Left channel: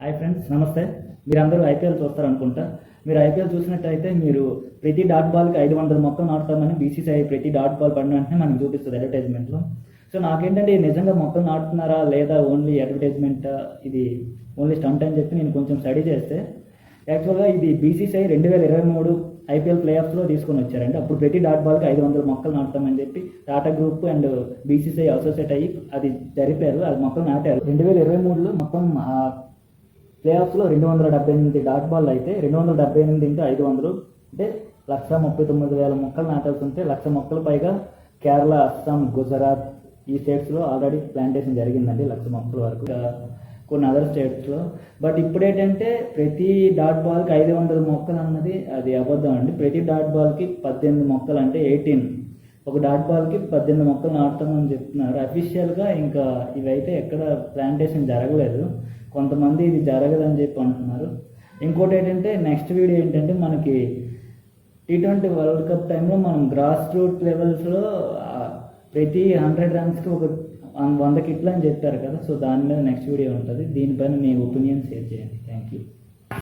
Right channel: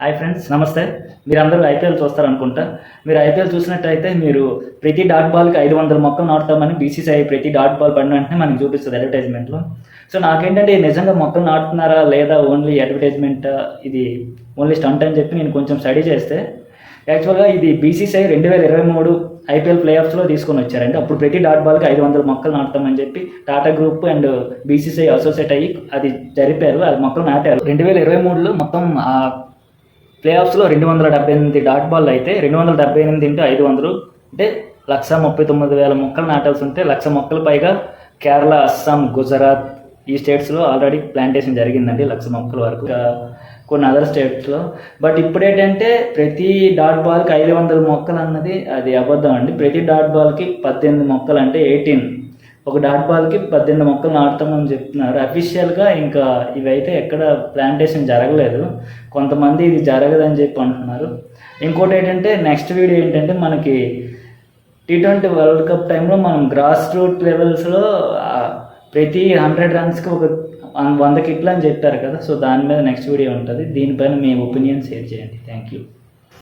Hi friends, నమస్తే. మీరందరూ IPL చూస్తారనుకుంటా. మీరు ఐపీఎల్ చూసినట్టయితే మీరు ప్రతి డాట్ బాల్‌కి 500 మొక్కలు నాటుతామని బీసీసీఐ ప్రతి డాట్ బాల్ పడిన వెంటనే మనకు చూపిస్తది అడ్వర్టైజ్‌మెంట్‌లో. సో, నాకేంటంటే ఇది నిజంగా మొక్కలు నాటుతున్నారా? లేదా ఓన్లీ అడ్వర్టైజ్‌మెంటా? ఇది ఓన్లీ స్టంట్ అని చెప్పి నేను కొంచెం స్టడీ చేస్తే, యాక్చువల్‌గా ఇది బీసీసీఐ 2023 ఐపీఎల్ ప్లే ఆఫ్స్‌లో తీసుకొనొచ్చారండి. అప్పుడు ప్రతి డాట్ బాల్‌కి 500 మొక్కలు నాటుతామని చెప్పి Tata group and BCCI associate అయ్యి అది జరిపారు. అది మొక్కలు నాటారు. 2023లో మొత్తం ప్లే ఆఫ్స్లో 278 డాట్ బాల్ అయితే 278 ఇంటూ 500 అంటే 139,000 మొక్కలు నాటాల్సి ఉంటే 1,00,000 మొక్కలు పైగా కేరళ, అస్సాం, గుజరాత్ ఈ స్టేట్స్లో ఆల్రెడీ ప్లాంటేషన్ జరిగిందండి 1,00,000 మొక్కల వరకు. కొన్ని అదర్ స్టేట్స్లో. బట్ ఇప్పుడు ఏంటంటే ప్రతి డాట్ బాల్కి 500 మొక్కలు అన్నది అది అబద్ధం అండి. ప్రతి డాట్ బాల్కి 18 మొక్కలు అంటే 18 ఒక డాట్ బాల్కి 18 మొక్కలు నాటుతామని చెప్తున్నారు. అఫీషియల్గా ఇంకా ఇవైతే ఎక్కడ ప్లాంటేషన్ జరగలేదు. కొంతమంది ఇది జరగదని చెప్పి అంటున్నారు. ఇంకోటి ఏంటంటే నెక్స్ట్ వీడియో ఏంటంటే మనకి T20 వరల్డ్ కప్ టైంలో మనం గ్రాస్ రూట్ లెవెల్స్లో ప్రతి 100 రన్స్కి ఒక 100 కిట్లు అని చెప్పారు కదా. సో దాని మీద నెక్స్ట్ వీడియో ఉంటుంది. దీనిపైన మీ ఒపీనియన్ షేర్ చేయండి. Thank you.